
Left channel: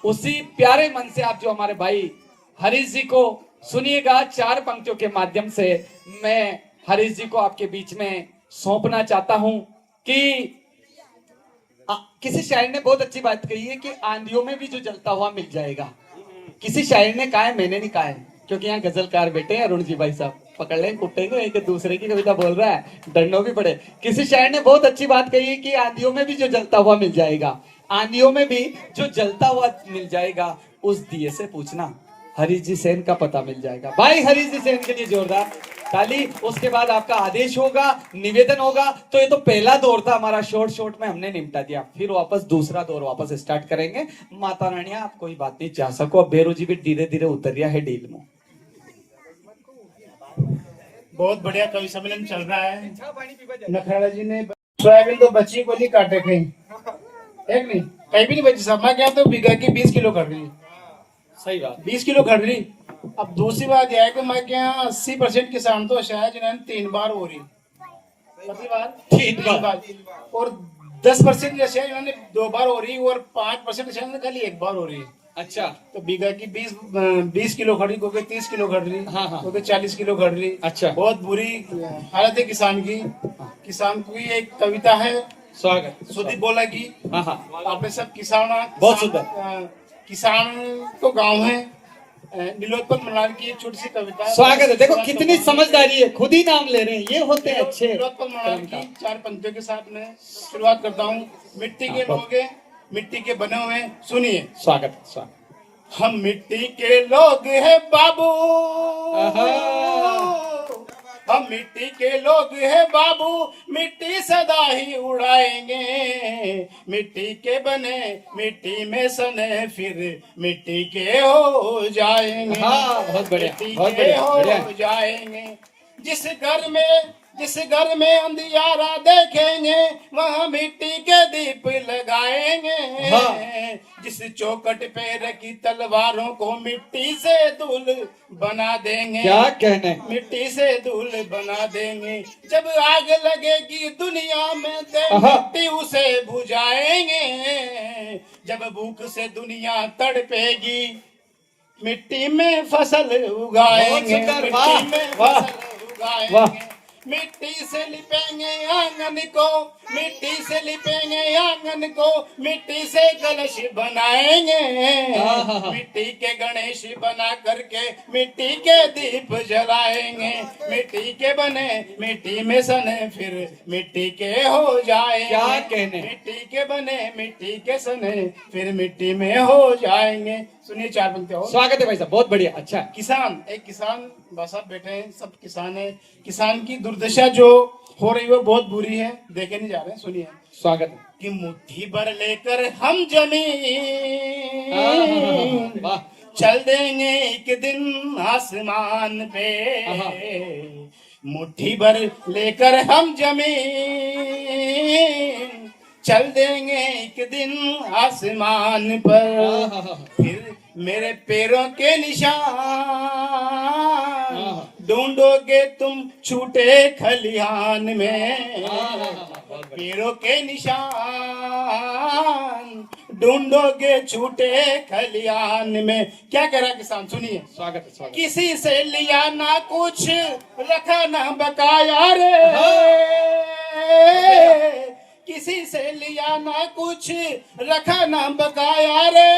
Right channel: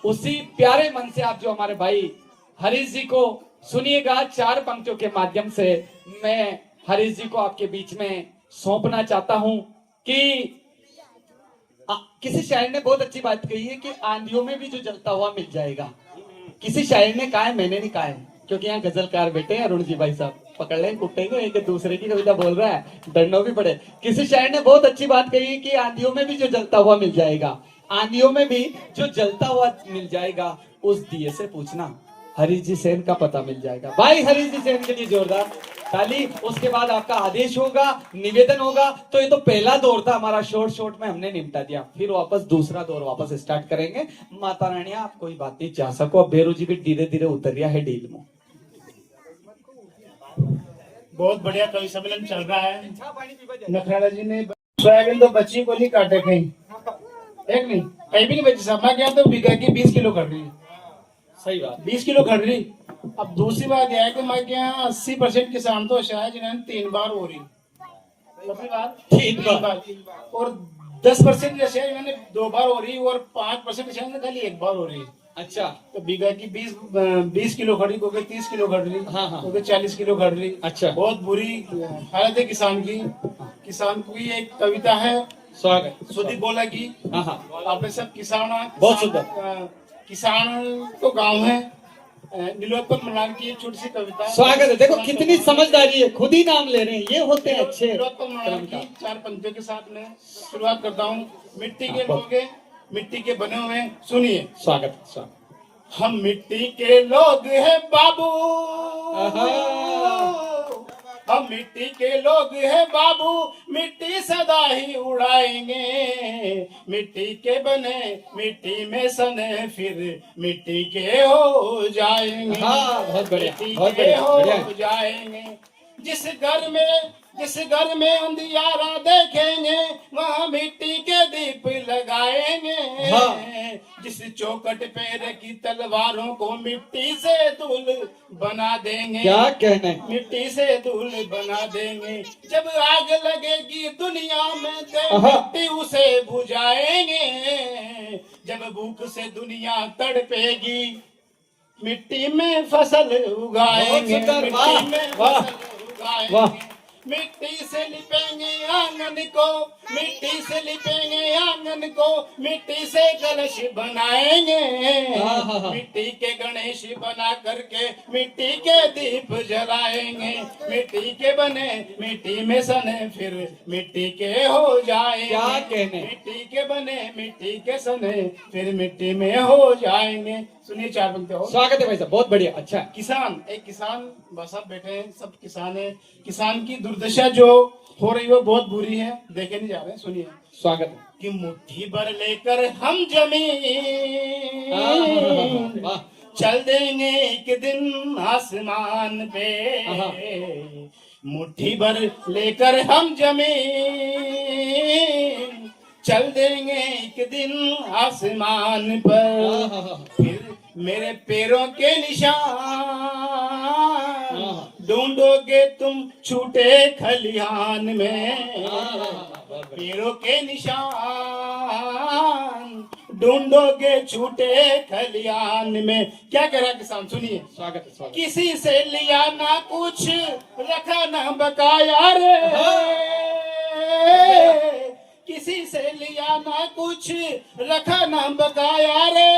उसी प्यारे मन से आप जो हमारे भाई हरीश जी को सुनिएगा। 4 पंक्तियों के माध्यम से मैं हरीश जी को आपके बीच में सौंपना चाहता हूं कि किसी शायर ने बहुत अच्छी बात कही है कि आंधियों में भी जो जलता हुआ मिल जाएगा। किसी शायर ने कहा है, मैंने नहीं कहा है, क्योंकि यहाँ गजलकार बैठे हैं अरुण जी भाई साहब, पकड़ लें कुत्ते को, एक दूसरे की कविता बोल रहा है, डरना भी पड़े। किसी शायर ने बहुत अच्छी बात कही है कि आंधियों में भी जो जलता हुआ मिल जाएगा, आंधियों में भी जो जलता हुआ मिल जाएगा, उस दिए से पूछना हरीश जी सेन का पता मिल जाएगा। भाई हरीश जी सेन के लिए जोरदार ताली। उसके बाद आपका आदेश होगा, निवेदन होगा। तो ये तो पहला दौर था हमारा, शॉर्ट में हमने निपटा दिया, फिर वापस दूसरा दौर वापस स्टार्ट करेंगे। माता रानी आप कोई बात नहीं चाह सको, अब बेरू जी भी धीरे धीरे उतर रहा है डील में। बहुत बढ़िया कवि सम्मेलन चल रहा है। नखराला जी ने सोयाबीन तो बच्ची को नहीं काटे कहीं, एक नहीं कहीं भी नहीं बेची। समा क्या तो बिगा की 20 किलो कर रही, सही बात, 20 किलो कर रही। अब दूसरी बात यह है कि मैं क्या 80% किसान तो शायद जिन्होंने 3 बार हो रही, कितनी बार? 3 बार। और 10% जैसे जिन्होंने 2 बार हो रही, और 5% शायद खाली 1 बार हो रही। अच्छा, तो बीघा की 20 किलो खड़ी, क्योंकि 30 किलो खड़ रही, हाँ। क्योंकि 40 किलो खड़ रही। अच्छा, बहुत बुरी हालत है किसान की। किसान की एक कविता है, स्वागत सुदीप बोला की। हाँ, आपने सब किसान, बहुत सुंदर। किसान तो गांव है, नीलोत्पल मलार की एक छोटी सी कविता। स्वागत है। देखो कितनी समझदारी है, खुद ही नाम ले रहे हैं, ये होते हैं अच्छे। नीलोत्पल मलार की 4 पंक्तियों के साथ में शुरुआत करता हूँ। मिट्टी के लोग हैं, मिट्टी के बने हुए, सुनिए। स्वागत। हम मिट्टी के लोग हैं बाबू, हम मिट्टी के लोग हैं बाबू, मिट्टी सदा ही उड़ाएंगे। मिट्टी के बने मिट्टी में सने, फिर मिट्टी के हो जाएंगे। बहुत बढ़िया, मिट्टी बहुत के बढ़िया। हो जाएंगे। जिस घर में अंधियारा देखेंगे, वहाँ मिट्टी के दीप लगाएंगे। जिस चौखट पे रखी तलवारों को मिट्टी से दूल बना देंगे। क्या कहने, मिट्टी से दूल बना देंगे। जब आग लगेगी दुनिया में, तो मिट्टी उसे बुझाएंगे। जब भूख से दुनिया तड़पेगी, मिट्टी में फसल उगाएंगे। मिट्टी में फसल उगाएंगे। मिट्टी से लिपेंगे आंगन को, मिट्टी से लिपेंगे आंगन को, मिट्टी से गणेश बनाएंगे। मिट्टी के गणेश बना करके मिट्टी के दीप जलाएंगे। मिट्टी के बने मिट्टी में सने, फिर मिट्टी के हो जाएंगे। क्या कहने, मिट्टी के बने मिट्टी के सने, फिर मिट्टी में हो जाएंगे। सुनिए 4 पंक्ति और। स्वागत है भाई साहब, बहुत बढ़िया। अच्छा, किसान, एक किसान बस साहब बैठे हैं, सब किसान है। किसान की दुर्दशा जो हो रही है वो बहुत बुरी है, देखे नहीं जा रहे हैं, सुनिए। स्वागत कि मुट्ठी भर लेकर हम जमीन चल देंगे एक दिन आसमान पे। मुट्ठी भर लेकर हम जमीन चल देंगे एक दिन आसमान पर, फिर मेरे पैरों के निशान ढूंढोगे तुम छूटे खलिहान में। पैरों के निशान ढूंढोगे छूटे खलिहान में। क्या कह रहा किसान, सुनिए। स्वागत है, स्वागत। किसी से लिया ना कुछ रखा ना बकाया रे, किसी से लिया ना कुछ रखा ना बकाया रे,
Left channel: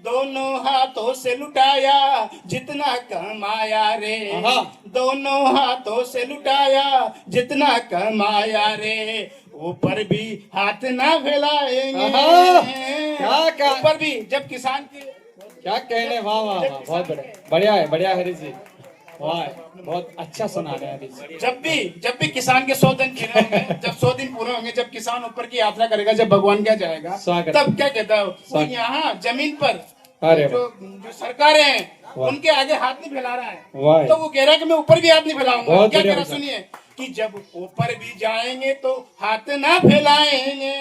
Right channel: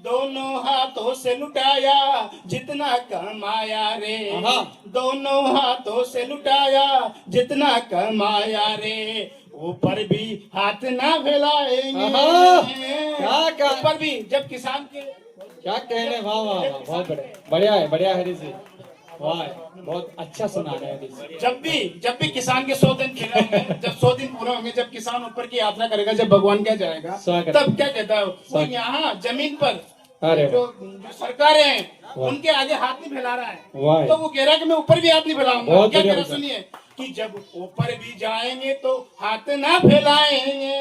दोनों हाथों से लुटाया जितना कमाया रे, दोनों हाथों से लुटाया जितना कमाया रे, ऊपर भी हाथ ना फैलाएंगे। क्या ऊपर भी जब किसान के क्या कहने, वाह वाह वाह, बहुत बढ़िया है, बढ़िया है हरीश जी, वाह बहुत अच्छा सुना रहे हैं हरीश जी। जब भी किसान के 100 दिन पूरे होंगे, जब 100 दिन पूरे होंगे, जब किसान ऊपर की यात्रा करेगा, जब भगवान क्या जाएगा, स्वागत। तब क्या कहता है वो, यहाँ जमीन पर अरे जो सरकारें हैं वाह। उनके आगे हाथ नहीं फैला रहा है, वाह। तो वो कह रहा है कि मैं ऊपर भी हाथ नहीं फैलाऊंगा। बहुत क्या कह बढ़िया रहा है, बताया। सुनिए कि जब ऊपर भी जाएंगे तो हाथ ना फैलाएंगे,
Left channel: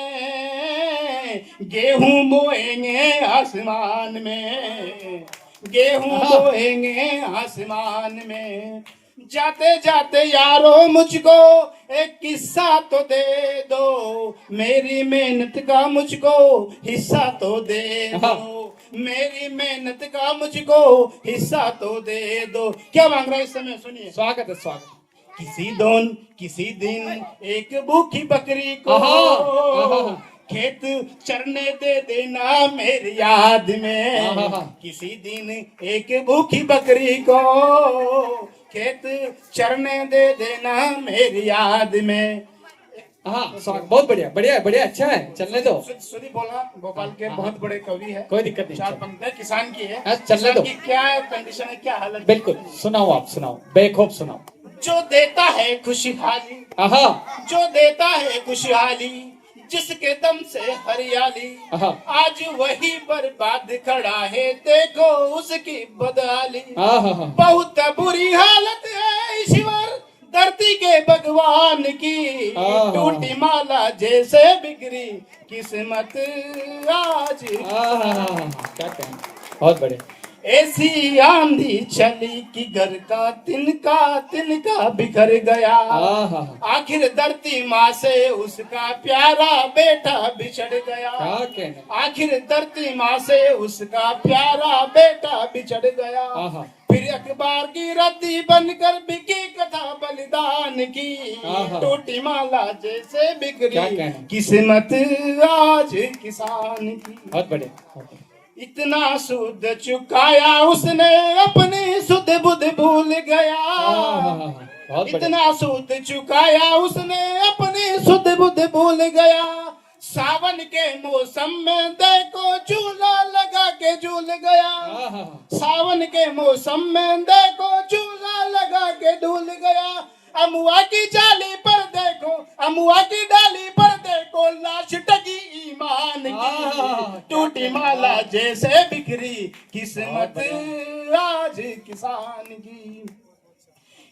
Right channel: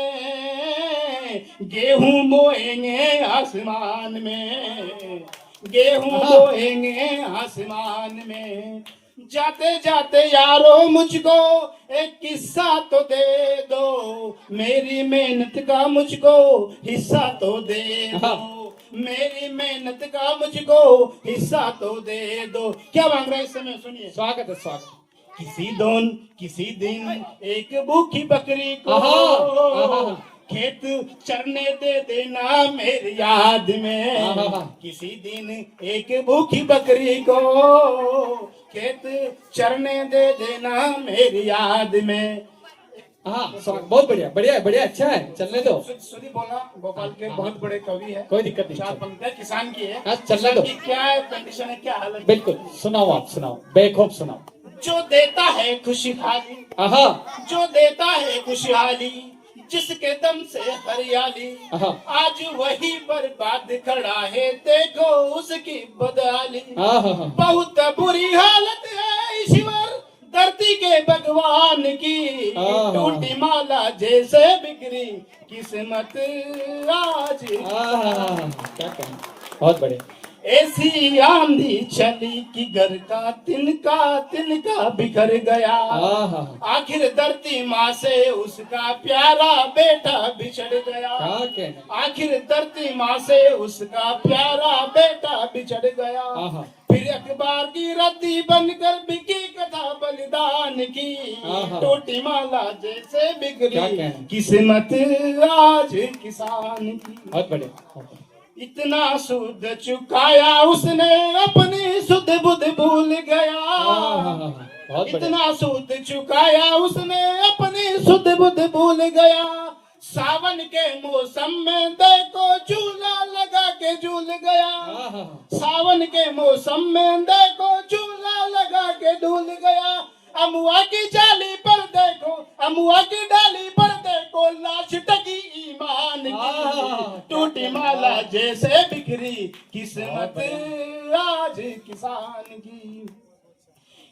गेहूं बोएंगे आसमान में, गेहूं बोएंगे आसमान में। जाते जाते यारो मुझको एक किस्सा तो दे दो, मेरी मेहनत का मुझको हिस्सा तो दे दो, मेरी मेहनत का मुझको हिस्सा तो दे दो। क्या मांग रहा है इस समय, सुनिए। स्वागत है, स्वागत। किसी दिन एक भूखी बकरी को खेत चरने दे देना मेरी याद में, किसी दिन एक भूखी बकरी को खेत चरने दे देना मेरी याद में। हाँ, बहुत बढ़िया, बढ़िया बढ़िया, अच्छा है, चलने दो। सुनी बोला, गोपाल के बहुत बड़े कवि है, कोई दिक्कत नहीं, 4 पंक्ति किसान की है। हाँ, चलने दो। किसान की क्या कंडीशन है, क्या हालत है? बिल्कुल, सुनाओ आप, सुनाओ, बेखौफ सुनाओ। जो देता है खुशहाली, आहा, जो देता है खुशहाली, जिसके दम से हरियाली, आहा, आज वही बर्बाद खड़ा है, देखो उसकी बदहाली। आहा, बहुत बुरी हालत है ईश्वर धरती के भगवान की, टूटी माला जैसे बिगड़ी किस्मत आज। क्या कहना, बहुत बढ़िया। ऐसी आंधी चली कि घर का तिनका बिखर गया, आखिर धरती माँ से उसका प्यारा बेटा बिछड़ गया, क्या कहना, आखिर धरती माँ से उसका प्यारा बेटा बिछड़ गया। फिर अखबार की रद्दी बनकर बिकी कथा बलिदान की, टूटी माला जैसे बिगड़ी किस्मत आज किसान की। बहुत बढ़िया। इतना सूद चुकाया उसने अपनी सुध बुध भूल गया, इतना सूद चुकाया उसने अपनी सुध बुध भूल गया। सावन के मौसम में देखो झूला लगा के झूल गया, सावन के मौसम में देखो झूला लगा के झूल गया। अमुआ की जाली पर देखो, अमुआ की डाली पर देखो, लाश टकी ईमान की, टूटी माला जैसे बिखरी किस्मत आज किसान की।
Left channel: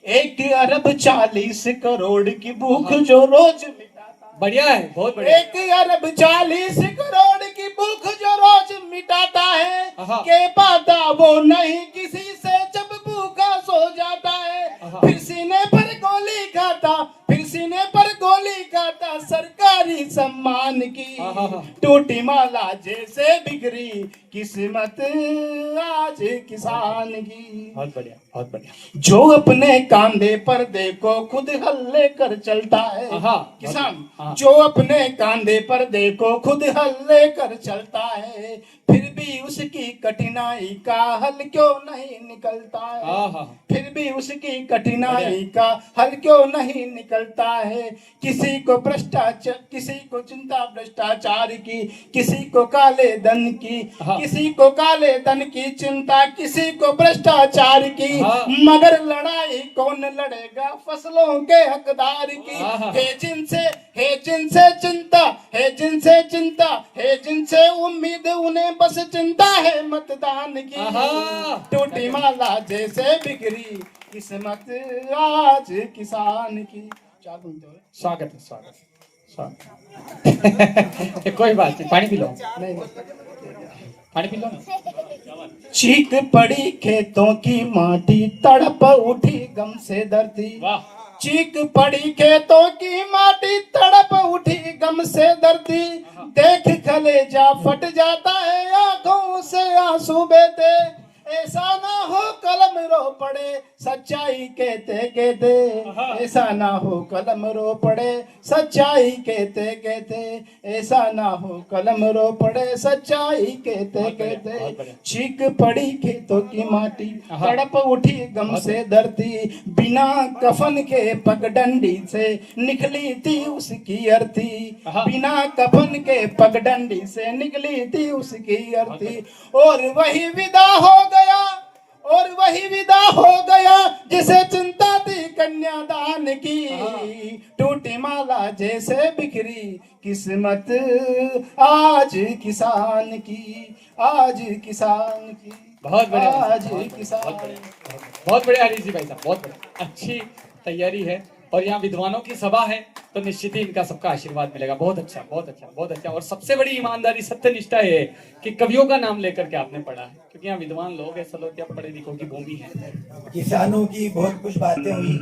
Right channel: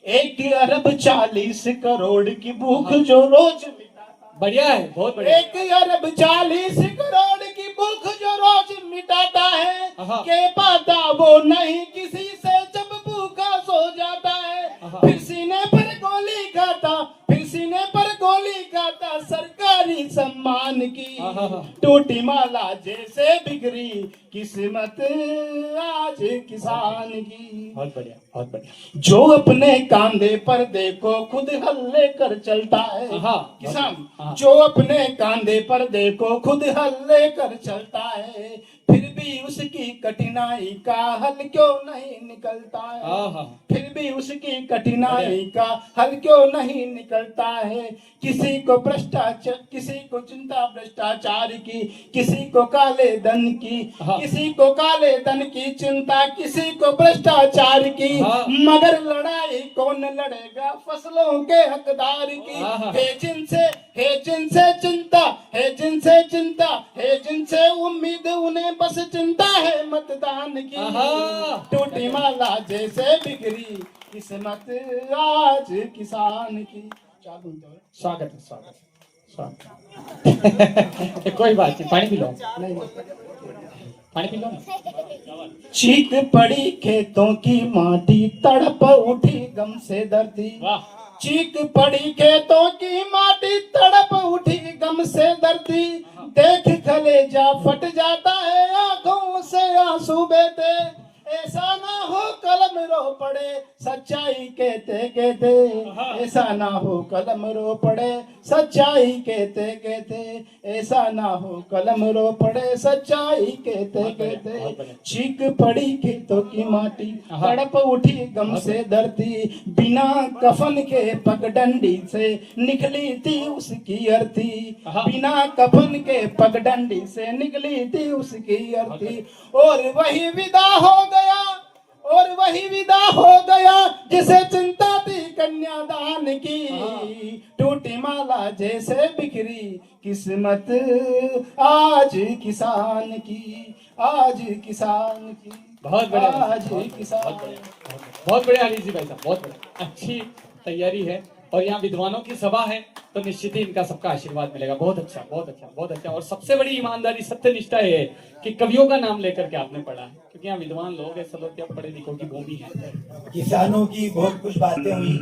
1 अरब 40 करोड़ की भूख जो रोज मिटाता, बढ़िया है, बहुत बढ़िया। 1 अरब 40 करोड़ की भूख जो रोज मिटाता है, के पाता वो नहीं किसी से जब भूखा सो जाता है, फिर सीने पर गोली खाता, फिर सीने पर गोली खाता सरकारी सम्मान की, टूटी माला जैसे बिगड़ी किस्मत आज किसान की। बहुत बढ़िया, बहुत बढ़िया। जो अपने कांधे पर देखो खुद हल्ले कर चलता है, किसान जो अपने कांधे पर देखो खुद हल्ले कर चलता है, फिर भी उसकी कठिनाई का हल क्यों नहीं निकलता है, फिर भी उसकी कठिनाई का हल क्यों नहीं निकलता है। किसी को भ्रष्टाचार, किसी को चिंता भ्रष्टाचार की, किसी को काले धन की, किसी को काले धन की चिंता, किसी को भ्रष्टाचार की, मगर लड़ाई कौन लड़ेगा फसलों के हकदार की। है जिनसे चिंता, है जिनसे चिंता, है जिनसे उम्मीद, उन्हें बस चिंता है मतदान की, टूटी माला जैसे बिगड़ी किस्मत आज किसान की। क्या बोलते हो? स्वागत है, स्वागत है, स्वागत है। कोई बात नहीं, पानी पी लो, नहीं, पानी पी लो ना। चीख पड़ी खेतों की माटी, तड़प उठी गम से दर्दी। वाह, चीख पड़ी खेतों की माटी, तड़प उठी गम से दर्दी। देख कलेजा फट जाता है, आंखों से आंसू बहते। ऐसा ना हो कलम रो पड़े, सच्चाई कहते कहते। ऐसा ना हो कलम रो पड़े, सच्चाई कहते कहते। ऐसा ना हो कलम रो पड़े, सच्चाई कहते कहते। चीख पड़ी खेतों की माटी, तड़प उठी गम से धरती। बिना कफन के पगडंडी से निकली थी उसकी अर्थी। बिना कफन के पगडंडी से निकली थी उसकी अर्थी। और वही विदा हो गया, और वही विदा हो गया जिसे चिंता थी कन्यादान की। टूटी माला जैसे बिखरी किस्मत आज किसान की, आज किसान की। बहुत बढ़िया, आज किसान। बहुत बढ़िया हरीश जी भाई साहब, बहुत बढ़िया, अच्छी तैयारी है। और यहाँ विद्वानों की सभा है तो निश्चित ही इनका सबका आशीर्वाद मिलेगा। बहुत अच्छा, बहुत अच्छा, बहुत अच्छा। और सबसे बड़ी ईमानदारी, सत्यनिष्ठा ये है कि कवियों का नाम लेकर के आपने पढ़ा है, क्योंकि यहाँ विद्वान लोग ऐसा लोग क्या पढ़े लिखों की भूमि है। किसानों की बहुत कुछ बातें हुई।